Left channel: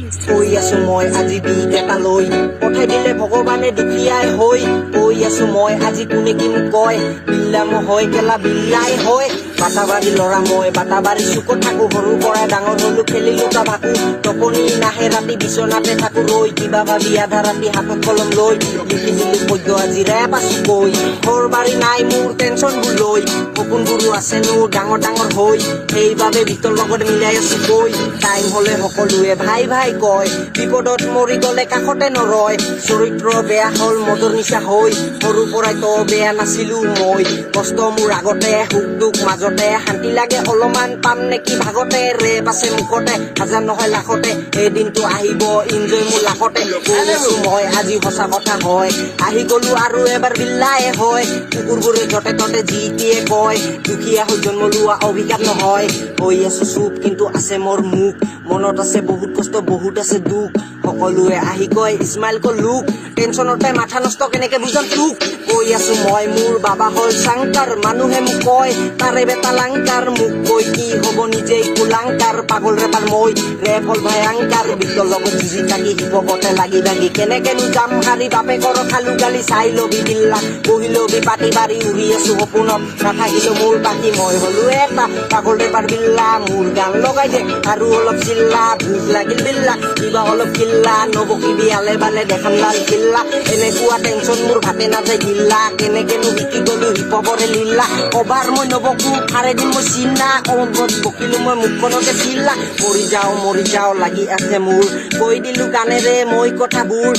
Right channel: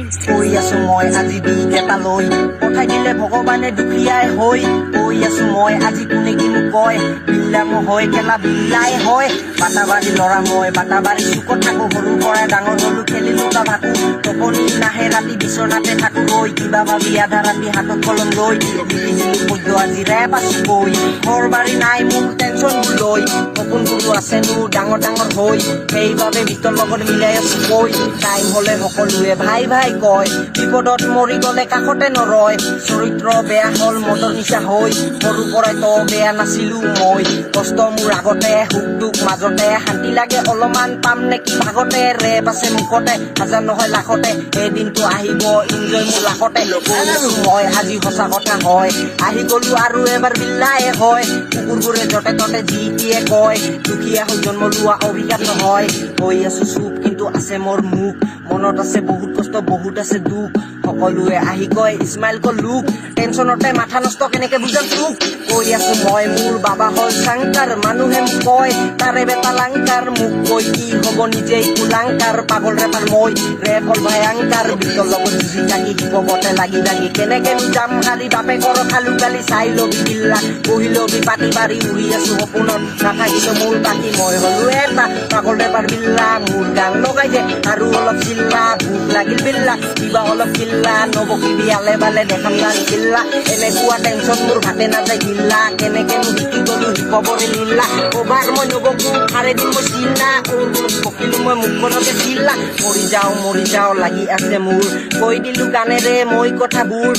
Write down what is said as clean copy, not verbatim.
কৈ আছো মই আজি বিগ এটা লৈ পঠাই দিলে ভগৱানে দুখীয়াই হৈ কৈ আছো মই আজি কোনে কি মোক কয় বিল্লামো হয় কেলা বিল্লাই হয় বাটাবাৰী ল'ৰা মই বাটাবাৰী চুকত থাকো সৰুৰ পৰাই ডাঙৰ হলো খেলিলো কাবাকো টোপনি নাহে ৰাতি বিচনাতে থাকো ৰৈ কিবা ভাবি আধা ৰাতি হাতত কলম লৈ লিখি দিলো পদ্য আজি ৰেপ আছো কৈ ঘৰ বাৰী নাই মোৰ টেনচনবোৰ লৈ সপোনবোৰো আছে মোৰ ডাঙৰ ডাঙৰ হৈ সেইবাবে ভিতৰ লগত মিলাই আছো কৈ টাইম হলে সকলোৱে ভাই ভাই কয় বিপদত মৰি গলে কাষতে নৰয় চৰিত্ৰ বেয়া হল মদৰ নিচা হৈ সৰুৰ পৰাই তো বেয়া নাছিলো মই কষ্ট মোৰ আগতে সুখ দুখ মাজতে শান্তি লাগে অলপমান পাম নেকি ভাগতে ৰেপ আছে মুখতে হাজাৰ নহয় লাখতে এদিনটো আহিব ইনজয় মোৰ লাখতে কৈ আছো মই আজি সঁচা কথা হয় আহি গলো আৰু এবাৰ বিল্লাই হয় কুকুৰবোৰে যতে ততে যি দিয়ে কয় দুখীয়া হৈ জন্ম লোৱা অভিশাপ নহয় হৈ আছো চুপ কিন্তু আছে মোৰ মুখ মনত আছে বহুত কষ্ট বহুত আছে দুখ সকলোৱে আহি কয় ইছমাইল ক লুক টেনচনতে মাথা নষ্ট কেনেকে বুজাম তোক কৈ আছো মই মোৰ বাবা হল চাংকাৰ মানুহে মোক কয় তাৰে বেটা লাংকাৰ মোক কৈ কি হব নিজেই কুলাংকাৰ পাগল ৰেপাৰ মই ৰেপ হল ভয়ংকাৰ বিতৰ লগত যুঁজি থাকি শিৱকতে লাগি লাগি কেনেকেনো যাম হাৰি বাপেকৰ খালো গালি চাই লবি বিল্লা বহি লবি পাতি বাৰী উৰি আছো সপোনত নাথাকিলো মোৰ বাকী মই হলো এটা পাগল ৰেপাৰ বিল্লা মোৰ গান লগাই দে আৰু অলপ চিল্লা ভোক লাগিল বিল্লা কিবা অলপ কিল্লা নবকিবি আলে বালে দেখাম লাল কিল্লা এনেকুৱা টেনচন মোৰ ভাতে নাযায় দিল্লা কেনেকেনো শিকি গলো হিপবৰে লুল্লা অবাৰ মই নবকো ফাৰে দিম মই চিল্লা বকিলো মই মুখখনকে চিল্লা মৰি যাওঁ লাগি আছে মোৰ কৈ দিলো গানেৰে মই কথাবোৰ